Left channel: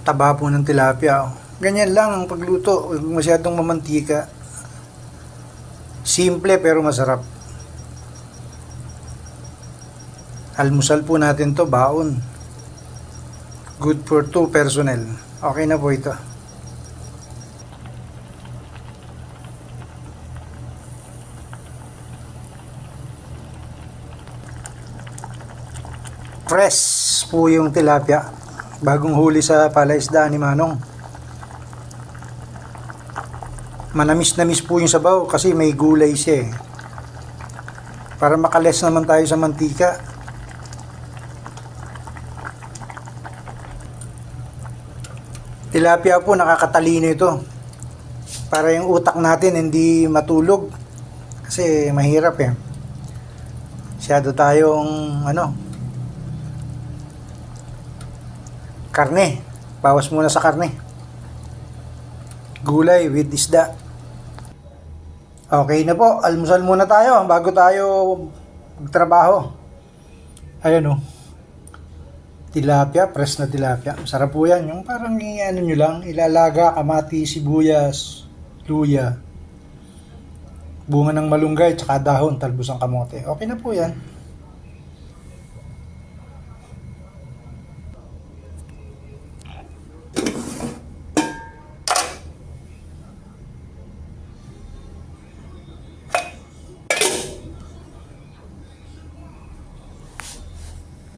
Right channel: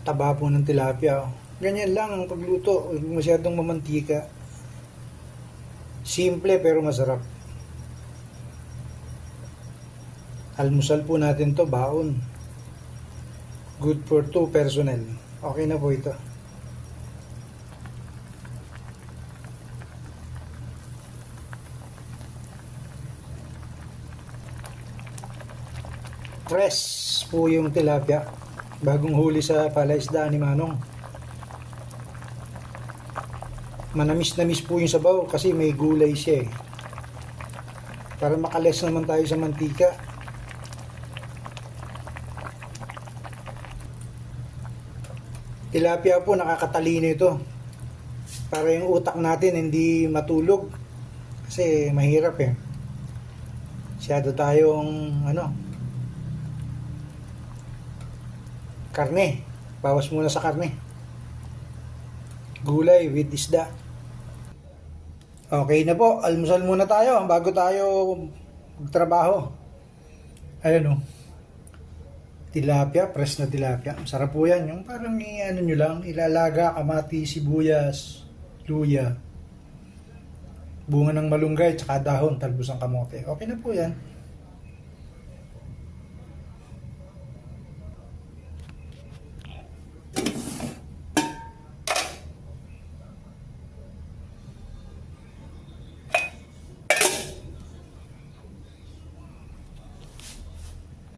Taba po ng tilapia. Ganyan lang ang pagluto. Huwag masyadong mamantika. Simple pero masarap. Almusal po natin to, baon. Good for 2 personnel. Okay na po ito. Fresh po yung tilapia. Bagong huli sa palaisdaan ni Manong. Manamis-namis po yung sabaw kasi may gulay siya eh. Para makales naman tayo sa mantika. Tilapia po, nakakatalino ito. Para yung utak natin hindi matulog. Kasi mahirap eh. Masyado tayong karne. Bawas muna sa karne. Gulay with isda. Okay na po, almusal muna tayo bago tayo magtrabaho. Ayan o. Tilapia, fresh na tilapia. Sarap po yan. Yung parang nyo lang, ilalaga, kamati, sibuyas, luya, bunga ng malunggay, tsaka dahon, talbos ng kamote. Okay na po yan.